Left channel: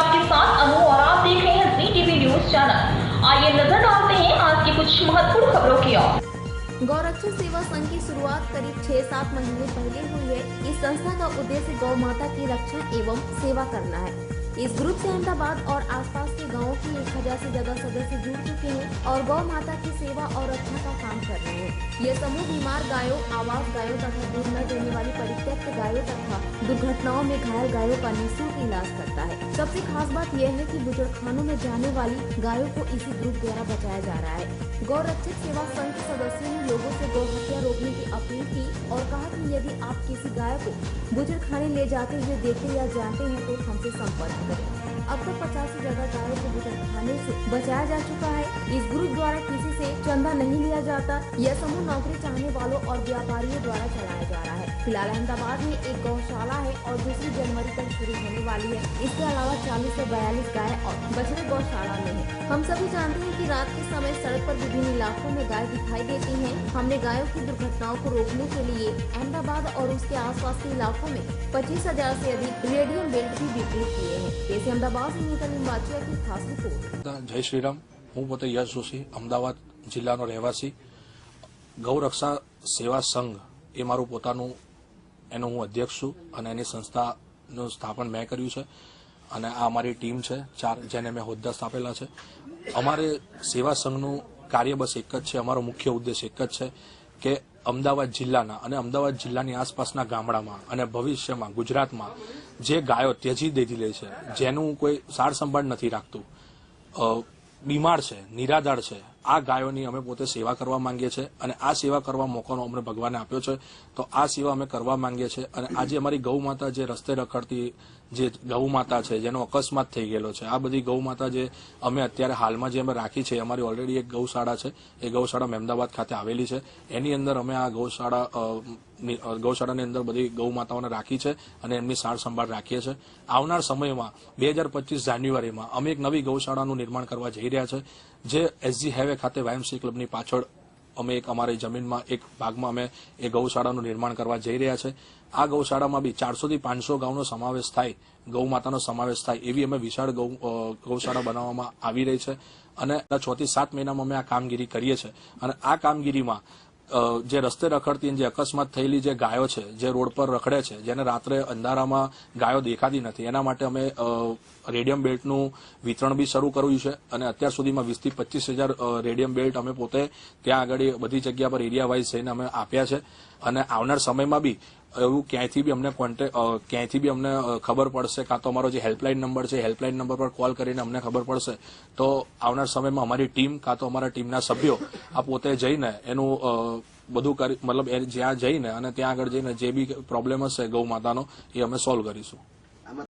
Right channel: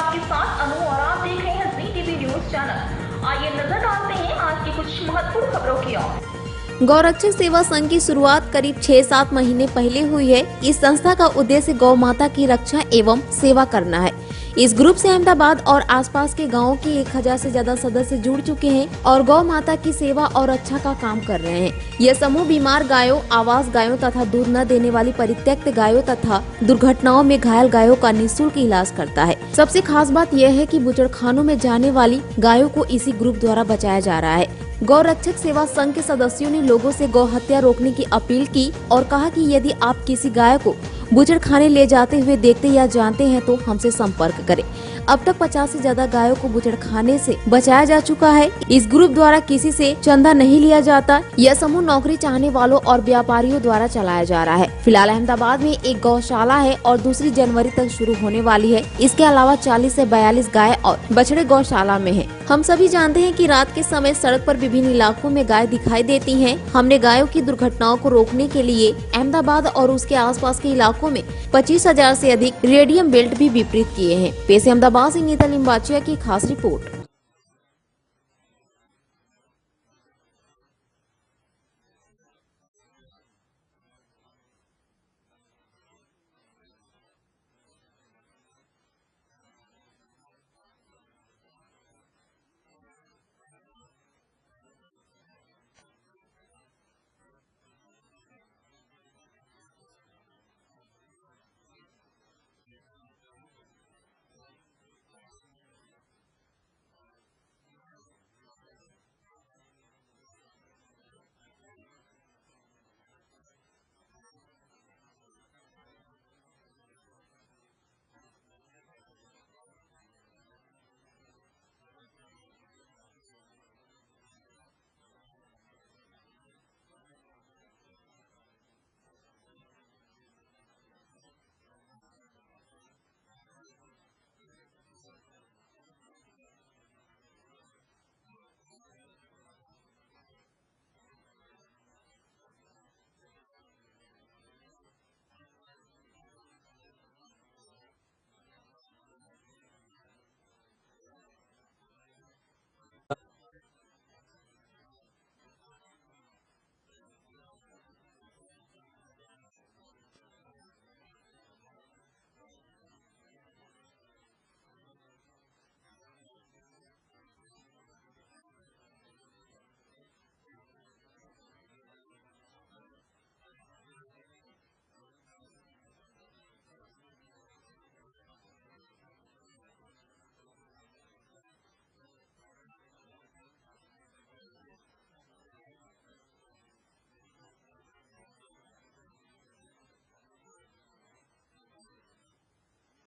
आपके साथ अनु और आप देख रहे हैं जी टीवी न्यूज चैनल। आइए नजर डालते हैं आज की कुछ महत्वपूर्ण खबरों की ओर। गौरक्षक सेवा संघ की शुरुआत करीब 6-7 महीने पहले हुई है। इस संस्था का उद्देश्य गौ माता की रक्षा एवं सेवा करना है। इस ग्रुप से अहमदाबाद और आसपास के गांवों के 1000 से ज्यादा सदस्य जुड़ चुके हैं और गौ माता की सेवा और रक्षा का काम कर रहे हैं। यह समूह बीमार गायों, आवास गायों तथा दूध न देने वाली परित्यक्त गायों तथा दुर्घटनाओं में घायल गायों का निःशुल्क इलाज करता है। सबसे खास बात यह है कि बूचड़खानों में जाने वाली गायों को इसी ग्रुप द्वारा बचाया जा रहा है। गौरक्षक सेवा संघ के सदस्यों ने लोगों से गौ हत्या रोकने की अपील की और कहा कि यदि आप किसी गाय को बूचड़खाने ले जाते हुए देखते या जानते हैं तो हमसे संपर्क करें। अब तक 50 से ज्यादा गायों को बूचड़खाने से बचाया जा चुका है। इस ग्रुप द्वारा किसी से चंदा नहीं लिया जाता। यह समूह नौकरी चाहने वालों और व्यापारियों द्वारा चलाया जा रहा है। फिलहाल अहमदाबाद में एक गौशाला है और 2 जनवरी तक शुरू होने वाली है। इसके अलावा 40 से 42 गाय और बछड़े गौशाला में है। हम सभी जानते हैं कि रात के समय सड़क पर विभिन्न इलाकों में गाय दिखाई देती हैं। हमने गायों की दुर्घटनाओं को रोकने के लिए अहमदाबाद और उसके आसपास के इलाकों में 25,000 से अधिक रेडियम बेल्ट भी वितरित किए हैं। पेश है अहमदाबाद से नीता लिंबाचिया की खास रिपोर्ट। जय श्री राम। हूँ पोते यश जोशी, अमदावाद जिल्लानो રહેવાસી। ગૌરક્ષા સેવા સંઘ એ મારું પોતાનું એનો હું અધ્યક્ષ છું અને એની સંસ્થાનું સ્થાપન મેં કર્યું છે અને આ અમારી ટીમ છે 4 જેને મેં હોદ્દા સ્થાપેલા છે। અમારે સેવા સંઘનું કાર્ય બસ એક જ છે, અમારો મુખ્ય ઉદ્દેશ એક જ છે કે અમદાવાદ જિલ્લાના અને અમદાવાદ જિલ્લાની આસપાસના ગામડામાં અને ભવિષ્યમાં ગુજરાતમાં જે ગાયો ત્યજી દીધી છે, જેનું કોઈ સાર સંભાળ નથી રાખતું, બીમાર છે, નિરાધાર છે, આ ગાયોની અમે પોતે સેવા કરવા માંગીએ છીએ અને આ સેવા કરવા મોકોનો અમને ભગવાને આપ્યો છે, તો આ સેવા અમે કરવા માંગીએ છીએ। અને આજે અમારી ગૌ માતા જે રસ્તે રખડતી જે ગૌ માતા છે, જેનો અકસ્માત થઈ ગયેલો છે, આ બધી ગૌ માતા જે અમે અત્યારે હાલમાં જે અમે રાખી છે, અમારી ઓલરેડી એક ગૌશાળા છે, એ ગૌશાળા અમદાવાદ ખાતે આવેલી છે। એની અંદર અમે આ ગૌશાળાની અંદર બધી ગૌ માતાઓને રાખી છે અને એમની સાર સંભાળ રાખીએ છીએ। આવનાર સમયમાં 2025 જાન્યુઆરીમાં અમે એક નવી ગૌશાળાનું નિર્માણ કરવા જઈ રહ્યા છે, જે એસજી હાઈવે ખાતે વાયએમસી ક્લબની પાછળ અમે એક અમારી જમીનમાં એક ભાગમાં અમે એ ગૌશાળાનું નિર્માણ કરવા જઈ રહ્યા છે। આ ગૌશાળામાં બી 400 થી 500 ગાઉનો સમાવેશ થાય, ગૌ માતાનો સમાવેશ થાય એવી અમે વિશાળ ગૌશાળા બનાવવામાં આવી રહી છે અને 6 થી 7 મહિનામાં અમે આ કામગીરી કરીએ છીએ। અને આ કામગીરીમાં જે રસ્તે રખડતી જે અકસ્માત થયેલી જે ગાયો છે, જે રોડ પર રખડે છે, જેને રાત્રે અંધારામાં ગાયો દેખાતી નથી, એના માટે અમે રેડિયમ બેલ્ટનું વિતરણ બી શરૂ કર્યું છે અને અત્યાર સુધીમાં 20 થી 25,000 રેડિયમ બેલ્ટ અમે પોતે ત્યાં આગળ બધી જગ્યા પર એરિયા વાઇઝ જઈને અમે આપ્યા છે। અને આવનાર સમયમાં બી એવું ક્યાંયથી બી અમને ખબર પડશે, કાં તો અમારો જે હેલ્પલાઇન નંબર છે, હેલ્પલાઇન નંબર પર કોલ કરીને અમને ખબર પડશે, તો આવનાર સમયમાં અમારી ટીમ કાં તો અમારા ટીમના સભ્યો આ પોતે જઈને એનું બધું કરી, મતલબ જ્યાં જઈને અને ત્યાં આગળ જઈને જે બી પ્રોબ્લેમ હશે ગૌ માતાનો એ અમે સોલ્વ કરીશું।